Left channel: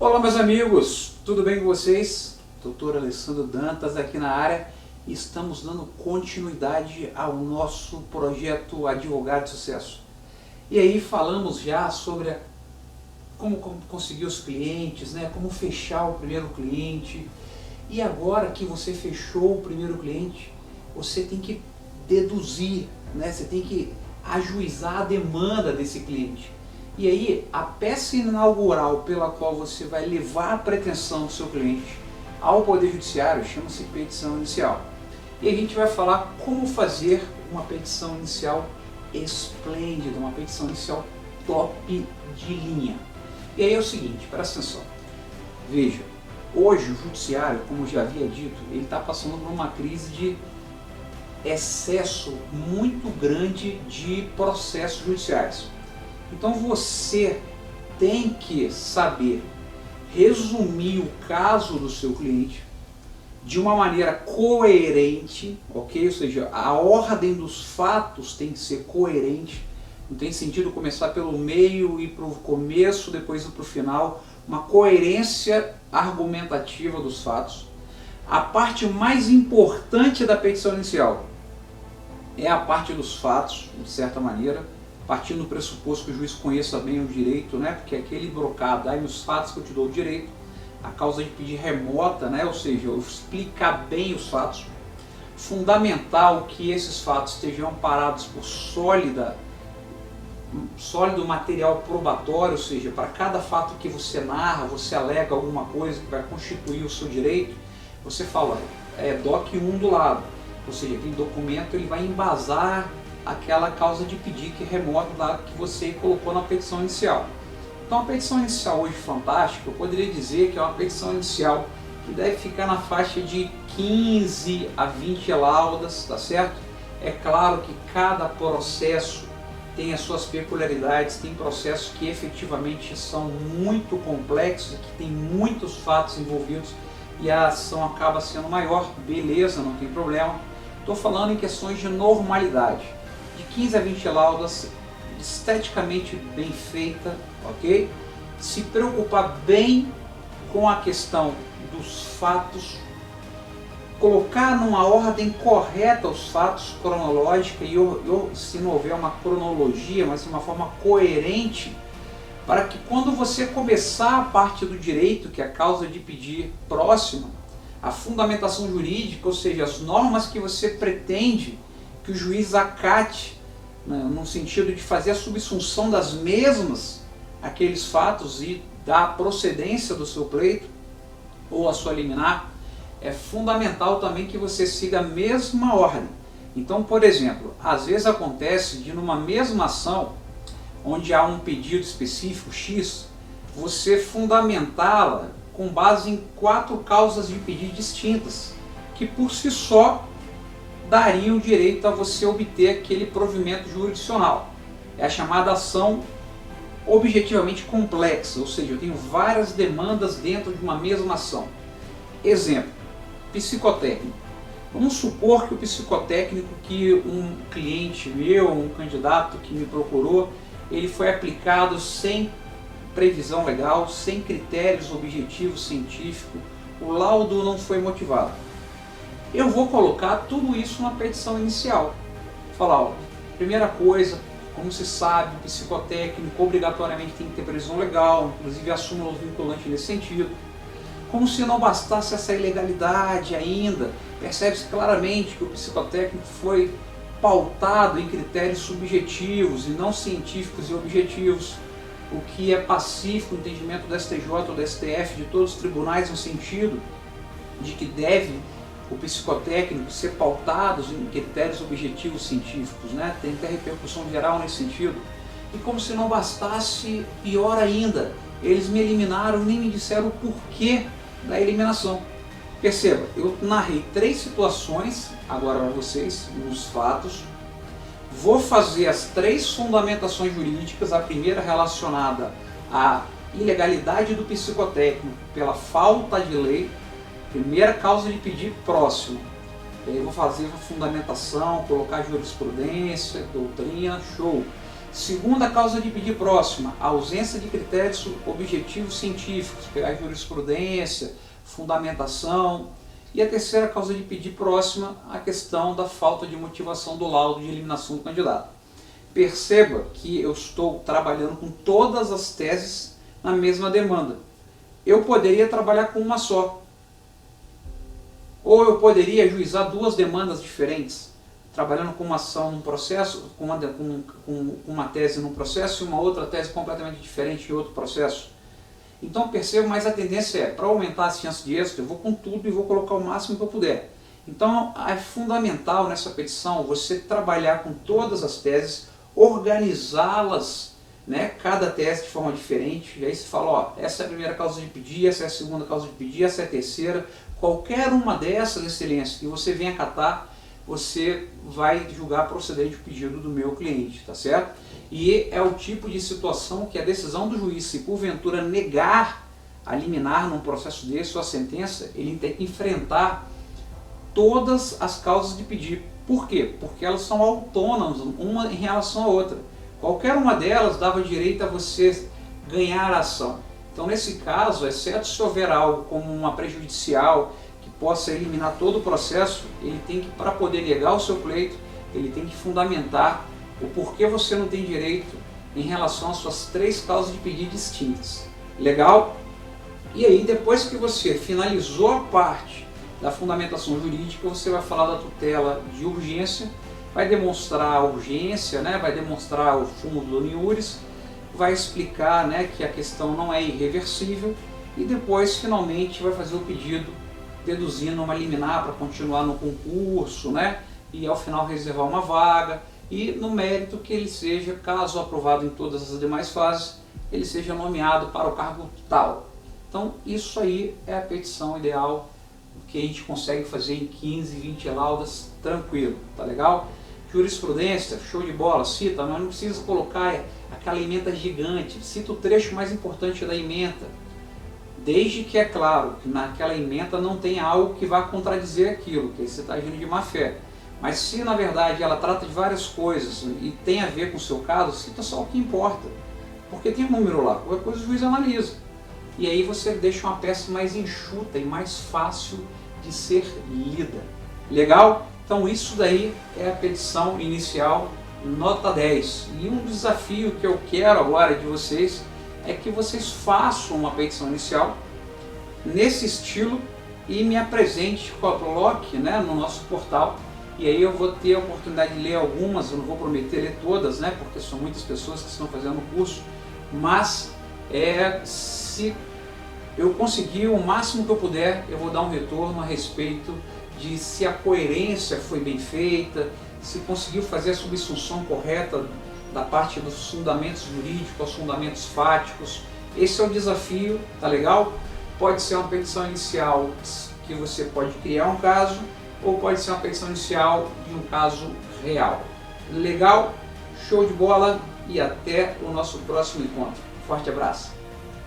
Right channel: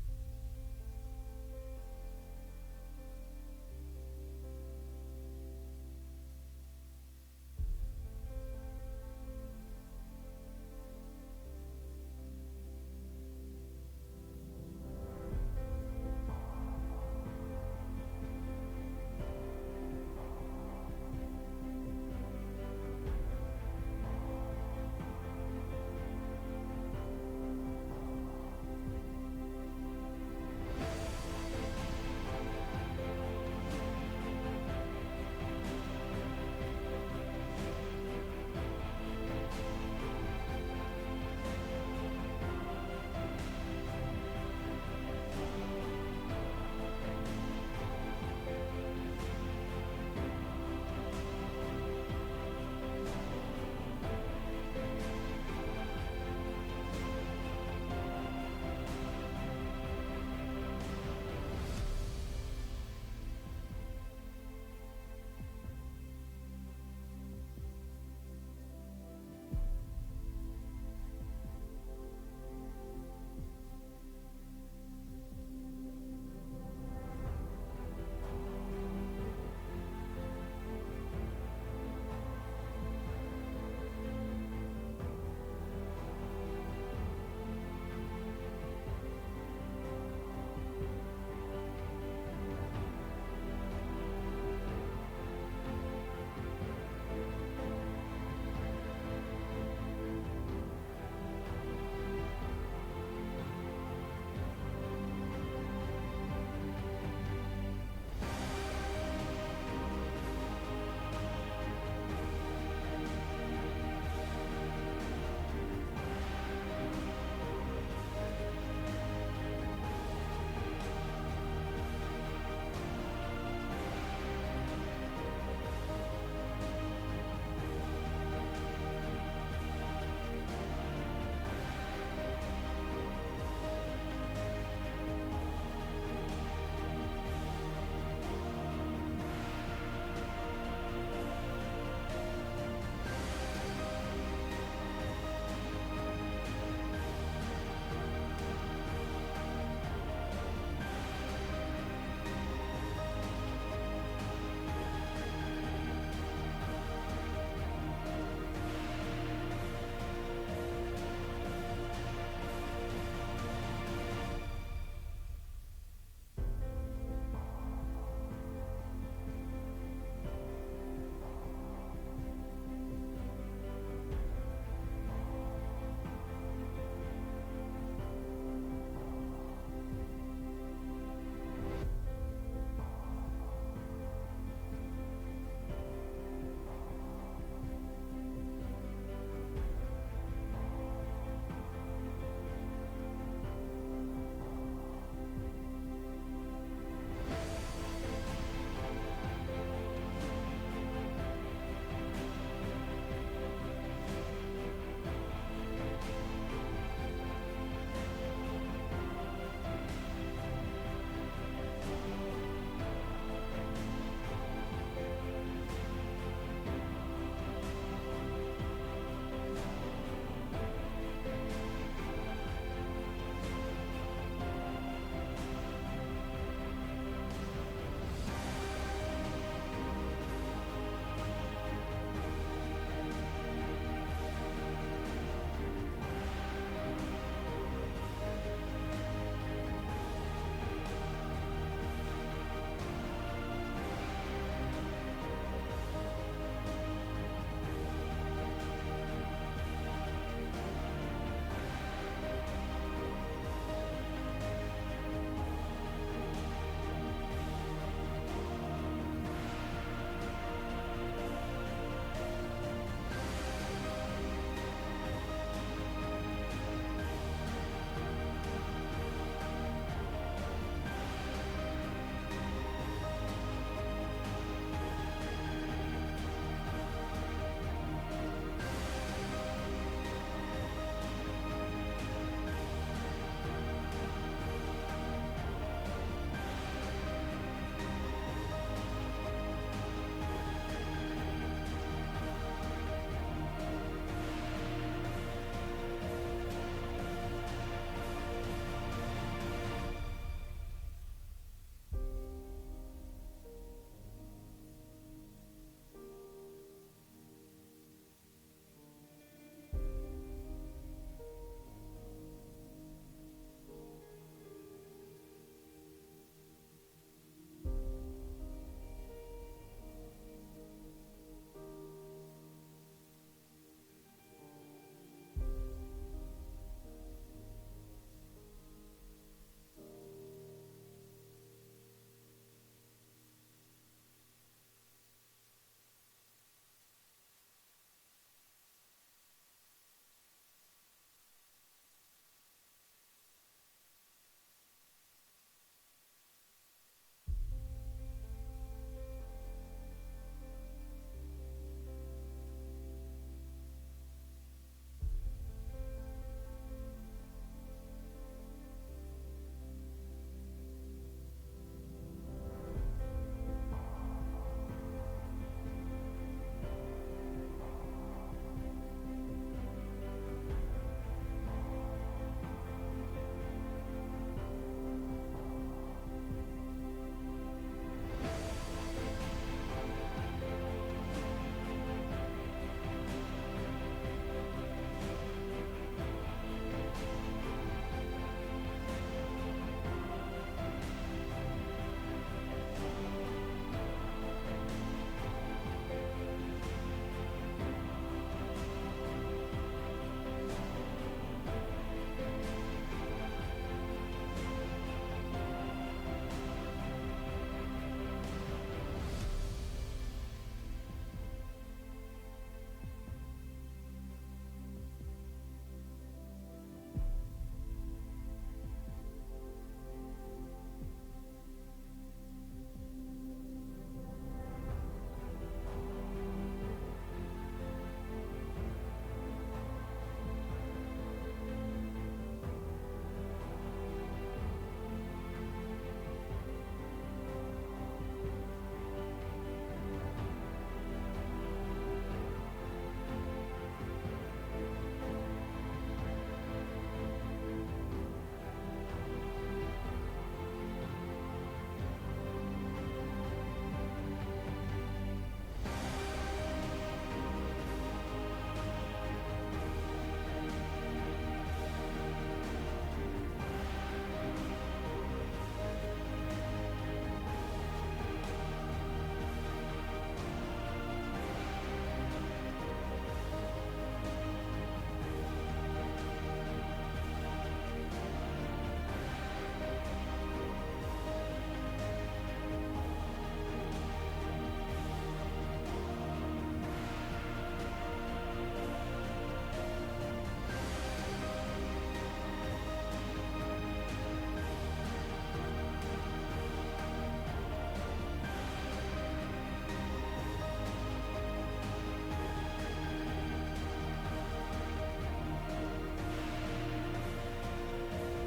Olá meus amigos, tudo bem com vocês? Doutor Alessandro Dantas aqui na área e estamos dando continuidade ao nosso projeto Advogado de Sucesso. E aí falamos já sobre como conseguir os clientes, né? Como fechar o primeiro cliente. E agora que você fechou o primeiro cliente, você tem que deduzir, né? Você tem que ajuizar a demanda desse cliente. E aí, a peça inaugural pela qual você vai levar a pretensão do seu cliente ao Poder Judiciário chama-se petição inicial. E a gente vai falar como fazer uma petição inicial esplêndida, uma petição inicial top de linha. E aí é o seguinte, presta atenção. Veja, hoje o Judiciário, como já havia dito, ele está passando por uma crise de excesso muito grande de processos judiciais. Então você tem que saber resumir o caso do seu cliente de uma maneira coerente, ok? Ou seja, a ordem dos fatos tem que ser coerente. Não tem sentido começar pelo meio, ir para o começo, depois ir para o final. Uma coerência argumentativa dos fatos. A parte mais importante da petição inicial é a parte dos fatos, de certa maneira, partindo do pressuposto que o juiz conheça bem o direito, né? Porque aquele brocado, aí os fatos que eu te dou o direito, a causa de pedir remota, né? Ou seja, eu explicar bem os fatos. Fundamental que esses fatos estejam amparados por sólido material probatório, ou seja, para cada fato que você narra, você alega alguma coisa que vai constituir o seu direito, você fala, DOC 1 do lado, ou seja, aquele documento ele vai embasar aquela causa de pedir que remota lá que você colocou na petição inicial. Então a petição inicial hoje fantástica, eu poderia dizer que é uma petição inicial que deve ficar na faixa de 15 a 20 laudas, tá certo? É claro que cada processo tem as suas peculiaridades, tem processos que efetivamente são muito complexos, que tem muitos fatos envolvidos e a ação acaba sendo maior, beleza, não tem problema. Estou falando em questões de normalidade. 15 a 20 laudas, esteticamente bem feita, ok? Se preocupar bem com a questão dos fatos, colocar numa ordem correta os fatos cronológica e se não houver uma cronologia, mas de uma forma coerente, para que quando você começar a parte do direito, que é a causa de pedir próxima, a fundamentação jurídica, ou seja, as normas que você pretende que o juiz acate, no sentido de fazer a subsunção das mesmas aqueles fatos e da procedência do seu pleito ou a sua liminar, é fundamental também que você siga a mesma ordem. Então, por exemplo, às vezes acontece de numa mesma ação, onde há um pedido específico X, você fundamentá-la com base em 4 causas de pedido distintas, que por si só daria o direito a você obter aquele provimento jurisdicional. É a chamada ação objetivamente complexa, ou seja, eu tenho várias demandas dentro de uma mesma ação. Exemplo, psicotécnico. Vamos supor que o psicotécnico que um cliente meu, um candidato que me procurou, ele foi aplicado sem previsão legal, sem critérios objetivos científicos, o laudo não foi motivado. Eu vou colocar tudo isso na petição inicial. Falar, ó, primeira coisa, como se sabe, o psicotécnico obrigatoriamente tem que ter previsão legal, inclusive a súmula vinculante nesse sentido. Como se não bastasse essa ilegalidade ainda, percebe-se claramente que o psicotécnico foi pautado em critérios subjetivos e não científicos e objetivos, o que é pacífico no entendimento do STJ ou do STF, de todos os tribunais, no sentido de que deve o psicotécnico ser pautados em critérios objetivos científicos, né? Tem que ter repercussão geral nesse sentido. E como se não bastasse, pior ainda, eles me eliminaram, nem me disseram o porquê da eliminação. Perceba, eu narrei 3 situações agora para vocês, nos fatos. Vou fazer as 3 fundamentações jurídicas, a primeira relacionada à ilegalidade do psicotécnico pela falta de lei, primeira causa de pedir próximo. Eu vou fazer uma fundamentação, colocar jurisprudência, doutrina, show. Segunda causa de pedir próxima, a ausência de critérios objetivos científicos, pegar jurisprudência, fundamentação. E a terceira causa de pedir próxima, a questão da falta de motivação do laudo de eliminação do candidato. Perceba que eu estou trabalhando com todas as teses na mesma demanda. Eu poderia trabalhar com uma só. Ou eu poderia ajuizar duas demandas diferentes, trabalhando com uma ação num processo, com uma tese num processo e uma outra tese completamente diferente em outro processo. Então perceba, mas a tendência é, para aumentar as chances de êxito, eu vou com tudo e vou colocar o máximo que eu puder. Então é fundamental nessa petição você trabalhar com todas as teses, organizá-las, né, cada tese de forma diferente, e aí você fala, ó, essa é a primeira causa de pedir, essa é a segunda causa de pedir, essa é a terceira. Qualquer uma dessas, excelência, que você venha acatar, você vai julgar procedente o pedido do meu cliente, tá certo? E é o tipo de situação que a decisão do juiz, se porventura negar a liminar num processo desse ou a sentença, ele tem que enfrentar todas as causas de pedir. Por quê? Porque elas são autônomas, uma em relação à outra. Qualquer uma delas dava direito a você ganhar a ação. Então, nesse caso, exceto se houver algo como uma prejudicial que possa eliminar todo o processo, ele tem que, para poder negar o seu pleito, ele tem que fundamentar o porquê você não tem direito em relação às suas três causas de pedido distintas. Legal? E aí, depois que você finalizou a parte da fundamentação jurídica, você vai falar da tutela de urgência, vai demonstrar a urgência, né? Vai demonstrar o fumo do iuris, vai explicar, né, que a questão não é irreversível e depois finalmente vai fazer o pedido deduzindo uma liminar para continuar no concurso, né, e ao final reservar uma vaga e no mérito que ele seja, caso aprovado em todas as demais fases, ele seja nomeado para o cargo tal. Então isso aí é a petição ideal que a gente consegue fazer em 15, 20 laudas tranquilo, tá legal? Jurisprudência, show de bola, cita, mas não precisa colocar aquela ementa gigante, cita o trecho mais importante da ementa, desde que é claro que naquela ementa não tem algo que vá contradizer aquilo, que aí você está agindo de má fé. Mas se na verdade ela trata de várias coisas e tem a ver com o seu caso, cita só o que importa, porque tem um número lá, qualquer coisa o juiz analisa. E aí você deixa uma peça mais enxuta e mais fácil de ser lida. Legal? Então isso daí é a petição inicial nota 10. E um desafio que eu quero agora de vocês é que vocês façam uma petição inicial nesse estilo e me apresente, coloque, né, no nosso portal. E aí eu vou ter a oportunidade de ler algumas, eu não vou prometer ler todas, né, porque são muitas pessoas que estão fazendo o curso, mas se eu conseguir o máximo que eu puder, eu vou dar um retorno a respeito de se a coerência foi bem feita, se conseguiu fazer a subsunção correta da parte dos fundamentos jurídicos aos fundamentos fáticos. Esse é o desafio, tá legal? Pode ser uma petição inicial que você pode criar um caso, ou pode ser uma petição inicial de um caso real. Legal? Show de bola e até o nosso próximo encontro. Forte abraço!